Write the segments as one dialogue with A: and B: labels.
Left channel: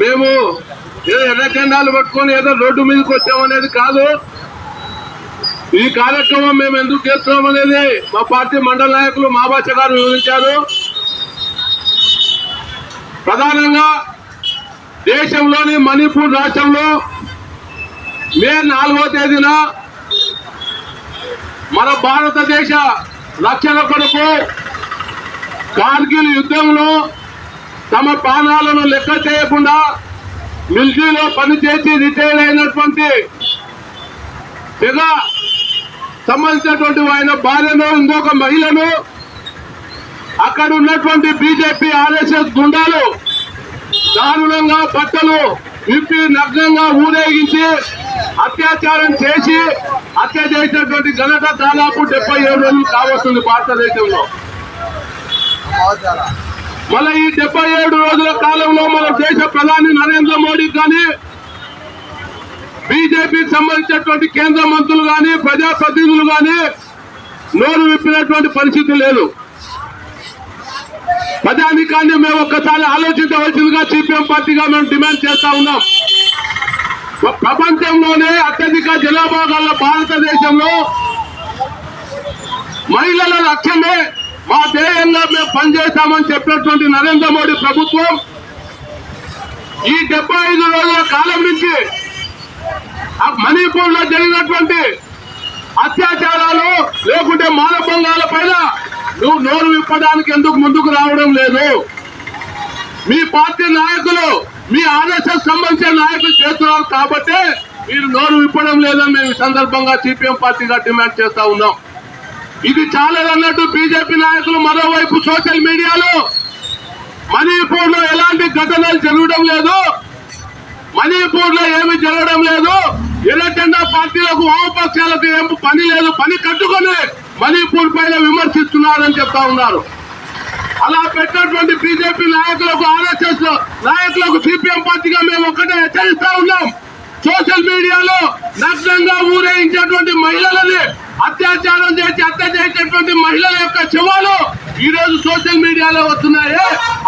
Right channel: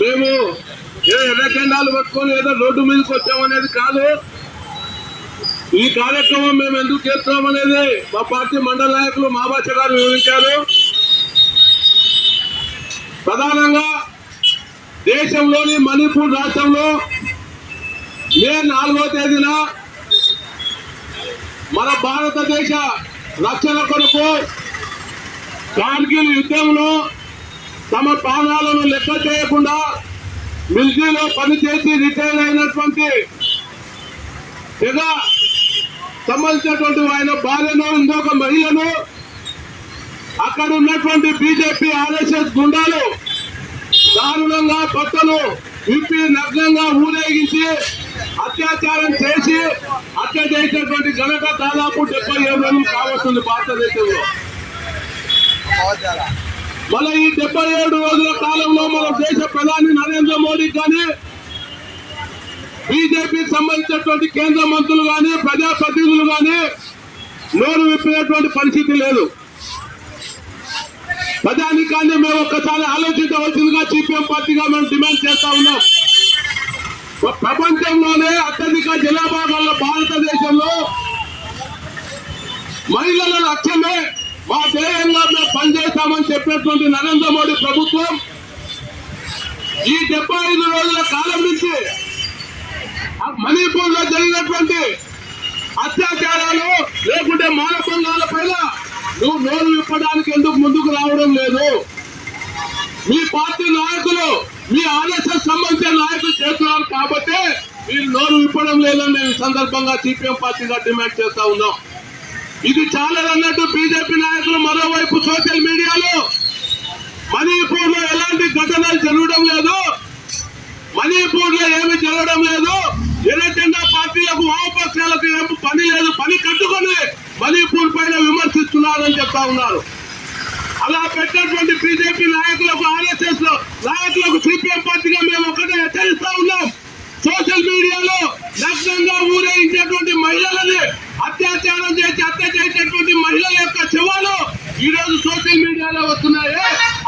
A: మేము ఏదో ఎర్ర పట్టుకొని ఏదో రోడ్డు మీదకి వచ్చామనేది కాదు. ఈ కార్యక్రమం మేము ఎందుకు చేస్తున్నాం అనేది మా పార్టీ మండల నాయకులు మాబాచ గారు వివరించారు. ప్రధానంగా దేశంలోని మణిపూర్ రాష్ట్రంలో మే నాలుగో తేదీన మన భారతదేశ రక్షణ కొరకు కార్గిల్ యుద్ధంలో తమ ప్రాణాలను లెక్క చేయకుండా మిలిటరీలో పనిచేసి రిటైర్ అయినటువంటి తెగ సంబంధించినటువంటి ఆయన భార్యను ఇంకొక మహిళను అక్కడ ఉన్నటువంటి బీజేపీ ఆర్ఎస్ఎస్ గుండాలు దారుణంగా బట్టలు విప్పి నగ్నంగా ఊరేగించి అత్యాచారం చేసి హత్య చేసినటువంటి ఘనత దాదాపు డెబ్బై ఏడు రోజులు కావస్తుంది భారతదేశంలో. మళ్ళీ ఈ డెబ్బై ఏడు రోజుల కాలంలో మన దేశ ప్రధాని నరేంద్ర మోడీ కానీ బీజేపీకి సంబంధించినటువంటి కేంద్ర మంత్రులు కానీ ప్రజాప్రతినిధులు కానీ నోరు విప్పినటువంటి పరిస్థితి లేదు. ప్రజానికాన్ని మేము ఒక్కసారి ఆలోచించవలసిందిగా సిపిఎం పార్టీగా మేము డిమాండ్ చేస్తా ఉన్నాం. ప్రపంచంలోనే అత్యధిక జనాభా భారతదేశంలో మహిళల లక్ష్యమే మా ధ్యేయంగా మేము పనిచేస్తామని చెప్పినటువంటి నరేంద్ర మోడీ ప్రభుత్వం ఈ డెబ్బై ఐదు రోజుల కాలం నుంచి ఆ మణిపూర్లో జరిగినటువంటి అత్యాచారాలు లేకుంటే మానభంగాల పైన నువ్వు నోరు విప్పడానికి ఎందుకు ముందుకు రావడం లేదు? మీ పార్టీ నాయకులు మీ ఆర్ఎస్ఎస్ సంబంధించిన నాయకులు చేస్తున్నారు కాబట్టి మీరు నోరు విప్పడం లేదని మేము ఈ సందర్భంగా సిపిఎం పార్టీగా డిమాండ్ చేస్తా ఉన్నాం. ఇది చాలదన్నట్టు బీజేపీ నాయకులు మరోవైపు సోషల్ మీడియాలో మణిపూర్లో ఎలాంటి ఘటనలు జరగడం లేదు. మణిపూర్లో ఏమి జరగడం లేదు. ఎర్రజెండా పార్టీలకు వామపక్షాలకు ఏం పని లేదు. పని కట్టుకొని మణిపూర్ పైన విమర్శిస్తున్నారని చెప్తా ఉన్నారు. అలా పెట్టినటువంటి బీజేపీ నాయకులకు ఆర్ఎస్ఎస్ నాయకులకు సిపిఎం పార్టీగా మేము ఒకటే హెచ్చరిస్తా ఉన్నాం. సోషల్ మీడియాలో నగ్నంగా ఊరేగించేటువంటి మహిళలని అత్యాచారం చేసి హత్య చేసేటువంటి మహిళల యొక్క శవాలు ఈ రోజు సోషల్ మీడియాలో వస్తున్నాయి.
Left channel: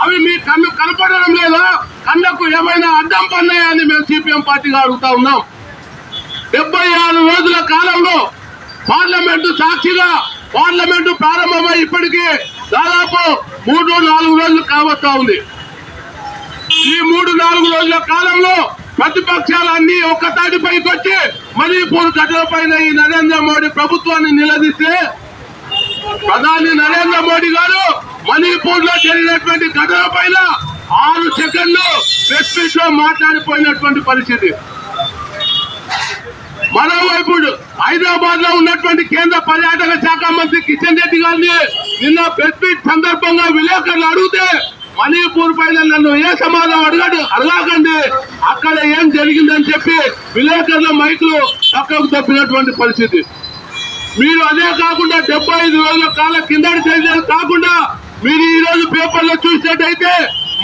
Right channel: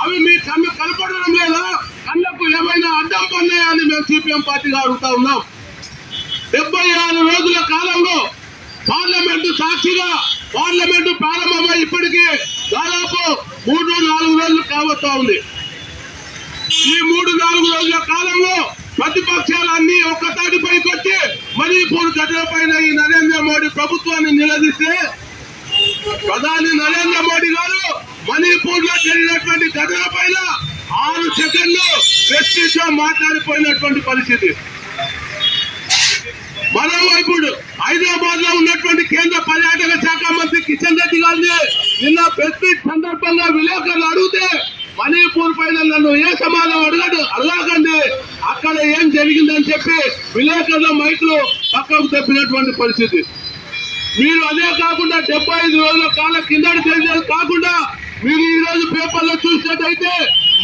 A: అవి మీ కన్ను కనపడడం లేదా? కన్నకు ఏమైనా అడ్డం పన్నాయా అని మేము సిపిఎం పార్టీగా అడుగుతా ఉన్నాం. డెబ్బై ఆరు రోజుల కాలంలో పార్లమెంటు సాక్షిగా పార్లమెంటు ప్రారంభమై ఇప్పటికే దాదాపు మూడు నాలుగు రోజులు కావస్తా ఉంది. ఈ మూడు నాలుగు రోజుల కాలంలో ప్రతిపక్షాలన్నీ ఒక్క తాటిపైకి వచ్చి మణిపూర్ ఘటన ఈ నరేంద్ర మోడీ ప్రభుత్వాన్ని నిలదీస్తే ప్రధాని నరేంద్ర మోడీ గారు మణిపూర్లో జరిగినటువంటి ఘటన పైన ఆరు సెకండ్లు ప్రెస్ మీట్లో మాట్లాడిపోయినటువంటి పరిస్థితి. మరోవైపు హైదరాబాద్లో ఉన్నటువంటి కేంద్ర పర్యాటక శాఖ మంత్రి కిషన్ రెడ్డి గారిని నిన్న ప్రెస్ మీట్ సందర్భంగా విలేకరులు అడిగితే మణిపూర్ పైన నన్ను ఏ సమాధానం అడగడు అడగకండి. అక్కడ ఏం జరిగిందని చెప్పి విలేకరుల మైకులు పక్కకు తప్పినటువంటి పరిస్థితి. మీరు అదే కాకుండా డెబ్బై ఐదు రోజుల కాలం కిందటి చర్యలు కాకుండా మీరు ఈ రోజు పేపర్లో చూసినట్టయితే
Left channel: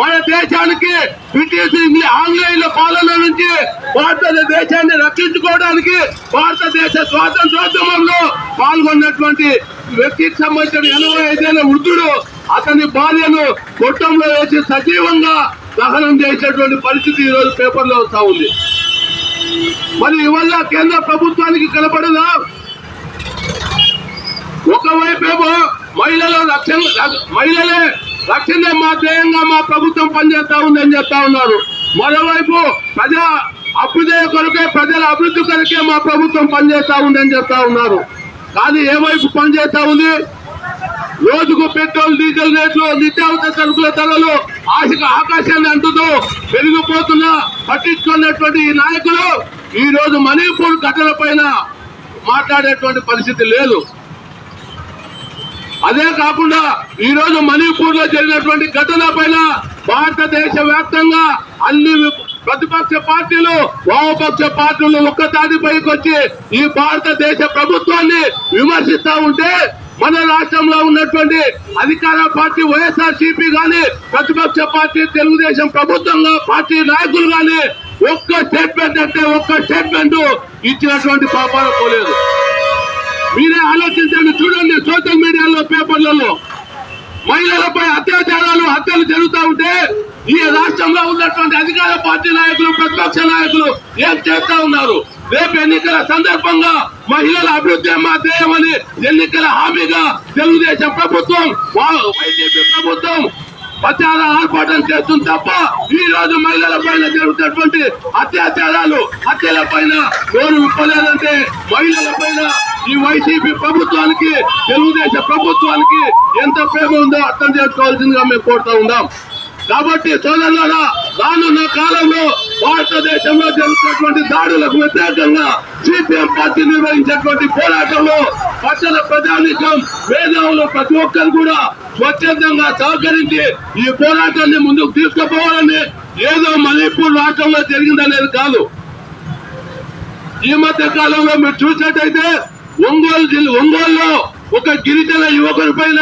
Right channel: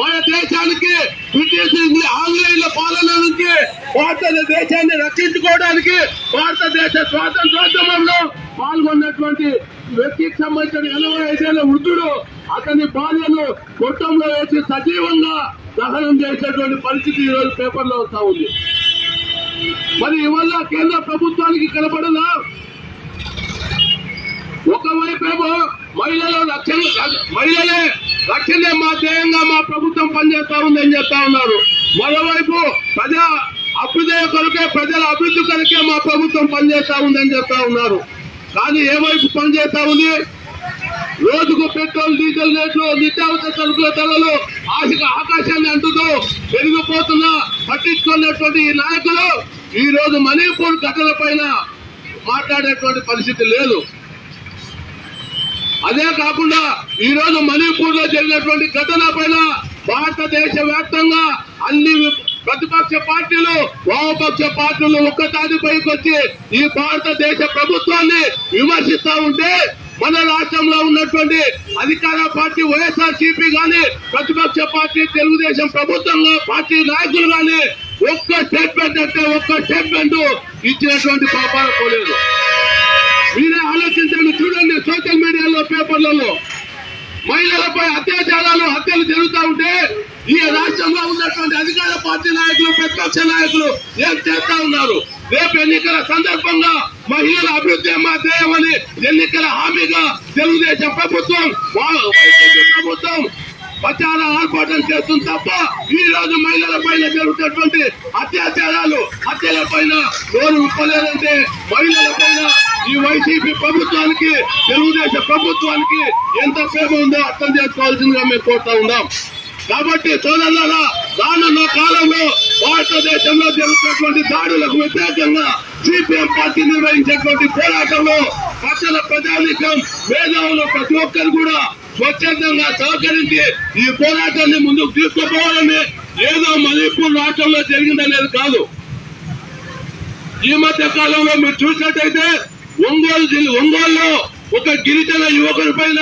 A: మన దేశానికి బ్రిటిష్ ఆంగ్లేయుల పాలన నుంచి భారతదేశాన్ని రక్షించుకోవడానికి భారతదేశ స్వాతంత్రోద్యమంలో పాల్గొన్నటువంటి వ్యక్తికి సంబంధించిన ఎనభై ఐదేళ్ళ వృద్ధుడు అతని భార్యను గొట్టంలో వేసి సజీవంగా దహనం చేసేటువంటి పరిస్థితి ఈ రోజు పేపర్లో వస్తా ఉంది. మరి ఇవల్ల కేంద్ర ప్రభుత్వానికి కనపడదా? ఒకవైపేమో మహిళలు రక్షణ మహిళలే రక్షణ మా ధ్యేయంగా మా ప్రభుత్వం పనిచేస్తా ఉందని చెప్తా ఉన్నారు. మరోవైపు ప్రజా అభ్యుదయ కొరకే ప్రజల అభివృద్ధి కొరకే మా ప్రభుత్వం పనిచేస్తా ఉందని చెప్తా ఉన్నారు. కానీ ఏ వైపు పనిచేస్తా ఉంది? రోజుకు పెట్రోల్ డీజిల్ రేట్లు నిత్యావసర సరుకుల ధరలు ఆశక ఆకాశాన్ని అంటుతూ పెరిగిపోతున్న పట్టించుకున్నటువంటి ఈ నాయకులు ఈ రోజు మణిపూర్ ఘటన పైన మాట్లాడేటువంటి పరిస్థితి లేదు. అదే కాకుండా ఈ రోజు మణిపూర్లో జరిగినటువంటి ఘటన పైన భారతదేశ వ్యాప్తంగా అన్ని వామపక్ష పార్టీలు వామపక్ష పార్టీలు ఒక్కతాటిపైకి వచ్చి ఈ భారతదేశ ప్రభుత్వాన్ని విమర్శిస్తా ఉంటే మన రాష్ట్రంలో ఉన్నటువంటి అధికార పార్టీ వైఎస్ఆర్ సిపి గాని ప్రతిపక్ష పార్టీ తెలుగుదేశం ప్రభుత్వంలో పార్టీ నాయకులు గాని ఒక్క స్టేట్మెంట్ అంటే ఒక్క స్టేట్మెంట్ ఇచ్చినటువంటి పాపాలు పోలేదు. మీరే ఆలోచించండి చూడండి సోషల్ మీడియాలో పేపర్లలో మహిళలపై అత్యాచారాలు హత్యలు జరుగుతూ ఉంటే ఈ రాష్ట్రంలో ఉన్నటువంటి అధికార పార్టీ నాయకులు ప్రతిపక్ష నాయకులు ఏం చేస్తా ఉన్నారు? రేపు ఎన్నికల సందర్భంగా మహిళల అభివృద్ధి మా ధ్యేయమని ఎన్నికల హామీగా తెలుగుదేశం ప్రభుత్వం వైసీపీ ప్రభుత్వం ప్రచార ఆర్పాటం చేస్తుంది తప్ప ఈ రోజు మహిళల పైన జరుగుతున్నటువంటి అత్యాచారాలు హత్యల పైన నోరు విప్పలేదంటే మహిళల పైన ఈ వైసీపీ ప్రభుత్వానికి తెలుగుదేశం ప్రభుత్వానికి ఎంత ప్రేమ ఉందో అర్థం చేసుకోవాల్సిందిగా మేము కోరుతా ఉందాం కాబట్టి సోదరులారా రానున్న కాలంలో భారతదేశంలో జరుగుతున్నటువంటి దాడులకు వ్యతిరేకంగా సిపిఎం పార్టీ నిర్వహించేటువంటి పోరాటంలో పట్టణ ప్రజానికం మేధావులు ప్రతి ఒక్కరు కూడా స్వచ్ఛందంగా సహకరించి ఈ పోరాటాన్ని ముందుకు తీసుకుపోవాలని ఏదో మణిపూర్ రాష్ట్రంలో జరిగిందనేది కాదు. ఈ మధ్య కాలంలో మీరు చూసినట్టయితే ఒంగోలు జిల్లా ఒంగోలులో ఒక గిరిజన యువకుడి పైన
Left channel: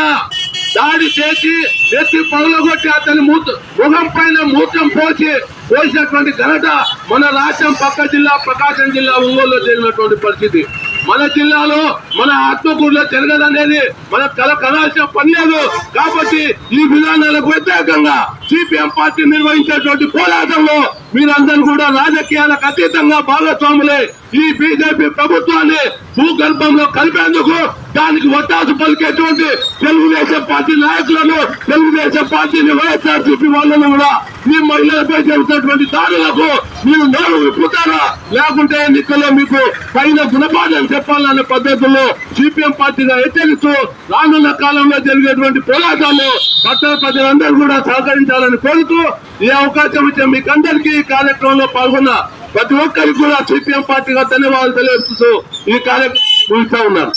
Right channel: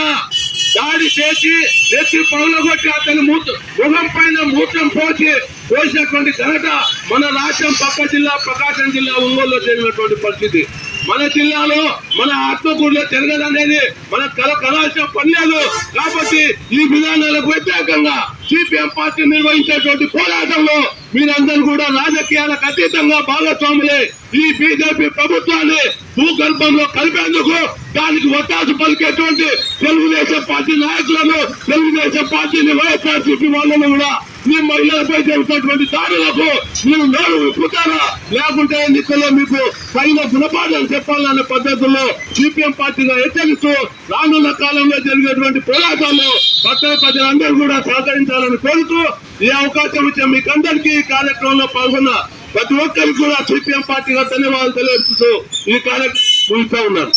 A: దాడి చేసి నెత్తి పగలగొట్టి అతని మూత ముఖం పైన మూత్రం పోసి పోసినటువంటి ఘనత మన రాష్ట్రం పక్క జిల్లా ప్రకాశం జిల్లా ఒంగోలులో జరిగినటువంటి పరిస్థితి. మన జిల్లాలో మన ఆత్మకూరులో జరగదనేది మన కల కలాల్సిన పని లేదు. కాబట్టి ఈ విధానాలకు వ్యతిరేకంగా సిపిఎం పార్టీ నిర్వహించేటువంటి పోరాటంలో మీరందరూ కూడా రాజకీయాలకు అతీతంగా భాగస్వాములై ఈ బీజేపీ ప్రభుత్వాన్ని భూగర్భంలో కలిపేందుకు దానికి ఒత్తాసు పలికేటువంటి తెలుగుదేశం పార్టీ నాయకులను తెలుగుదేశం పార్టీని వైఎస్ఆర్సీపీ వాళ్ళను కూడా మీ మహిళలపై జరుగుతున్నటువంటి దాడులకు మీరు నోరు విప్పుతారా లేకుంటే ఎన్నికల్లో మీకు పైన గుణపాఠాలు చెప్పాలన్న పద్ధతుల్లో సిపిఎం పార్టీగా హెచ్చరిస్తూ రానున్న కాలంలో జరిగేటువంటి పోరాటాలు పట్టణ ప్రజలందరూ కూడా సహకరించాలని కోరుతూ ఈ అవకాశం ఇచ్చే మీకందరికీ ఈ కార్యక్రమంలో పాల్గొన్న ప్రతి ఒక్కరికి కూడా సిపిఎం పార్టీగా ధన్యవాదాలు తెలియజేస్తూ ఈ కార్యక్రమం ముగిస్తా ఉన్నారు